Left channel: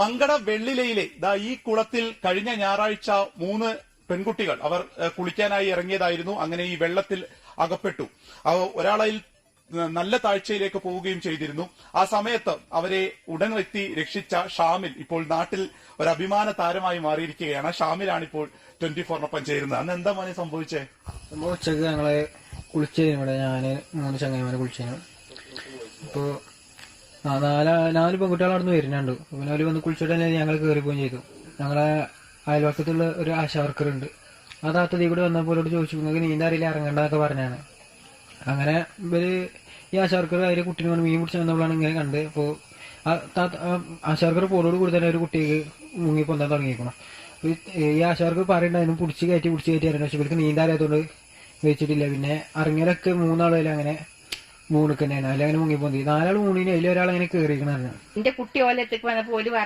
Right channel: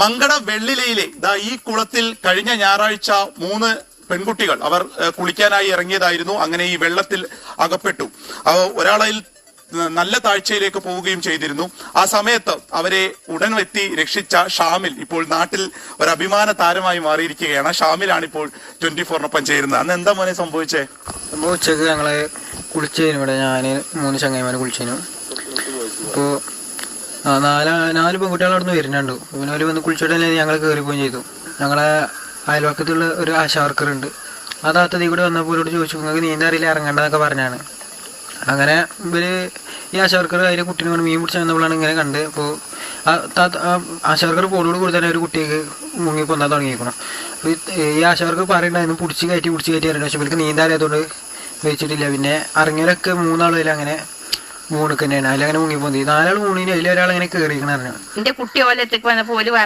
മങ്കട വെള്ളിലയിലെ ദാ ഈ കുളത്തിൽ കഴിഞ്ഞ ഞായറാഴ്ച മൂന്ന് പെൺകുട്ടികൾ അവർ കുളിക്കാനായി ഇറങ്ങിയതായിരുന്നു. അങ്ങനെ ഈ വെള്ളത്തിൽ അകപ്പെട്ടു. അവ ഒരാളിൽ നല്ല താഴ്ചയിലേക്ക് പോവുകയും ചെയ്തിരുന്നു. ആ സമയത്ത് അവരെ ഉടൻ എത്തി രക്ഷിച്ച ഷാമിൽ ഇപ്പോൾ നാട്ടിൽ ഒരു അഭിമാന താരമായി മാറിയിരിക്കുകയാണ്. ഷാമിലാണ് ഇപ്പോൾ ട്വന്റി ഫോറിനൊപ്പം ചേരുന്നത്. അന്ന് എന്താ മോനെ സംഭവിച്ചേ? സംഭവിച്ചത് ഞങ്ങൾ കുളിച്ചു ഇവിടെ ഞാൻ മൂന്ന് ചങ്ങായിമാരെ കുളിച്ചതിനു. അപ്പോൾ നാല് നാല് പെൺകുട്ടികൾ അവിടെ നിന്ന് വരുന്നുണ്ട്. പിന്നെ അവർ വന്ന് കുളിച്ചിട്ട് തന്നെ ഞങ്ങൾ കയറി പോവുകയും ചെയ്തു. ഞങ്ങളെ അയൽവക്കത്തുള്ള ഒരു ആശാ ഉണ്ട്. ആ താത്തതി കൂടി വന്നപ്പോൾ ഇവരോട് ചോദിച്ചു നിങ്ങൾക്ക് നീന്താൻ അറിയില്ല ഇറങ്ങേണ്ടതൊക്കെ പറഞ്ഞാണ്. അങ്ങനെ ഇവർ ഈ ആശാ വർക്കർ അതിലെ കുട്ടീനെ കൊണ്ട് മീൻ പിടിച്ച് വന്നപ്പോഴാണ് ഇങ്ങനെ കണ്ട് അപ്പോൾ ആ താത്ത ആ ആശാ വർക്കർ പോടോട് കൂടി തന്നെ ഒരു കുട്ടിക്ക് മുങ്ങി കൊന്നാൽ തുടങ്ങിയിരിക്കണം അപ്പോൾ ഈ ആശാ വർക്കർ പറയണ്ടായിരുന്നു പിടിച്ച് കയറ്റി പിടിച്ച് കയറ്റി അറിയണം പക്ഷെ ഇവർക്ക് നീന്താൻ വെച്ചിട്ടില്ല. പിന്നെ ഇറങ്ങിയവരൊക്കെ മൂന്നാളും അങ്ങനെ മൂണിക്ക് അല്ലെങ്കിൽ അതിലങ്ങനെ മുങ്ങി പോന്തി നാലാൾ മൂണിന് അതിലൊരാൾ അങ്ങനെ കയറിയിരിക്കണറിഞ്ഞു എന്റെ കുട്ടി ഓലത്തേക്ക് വന്നപ്പോ ഒരു പറഞ്ഞു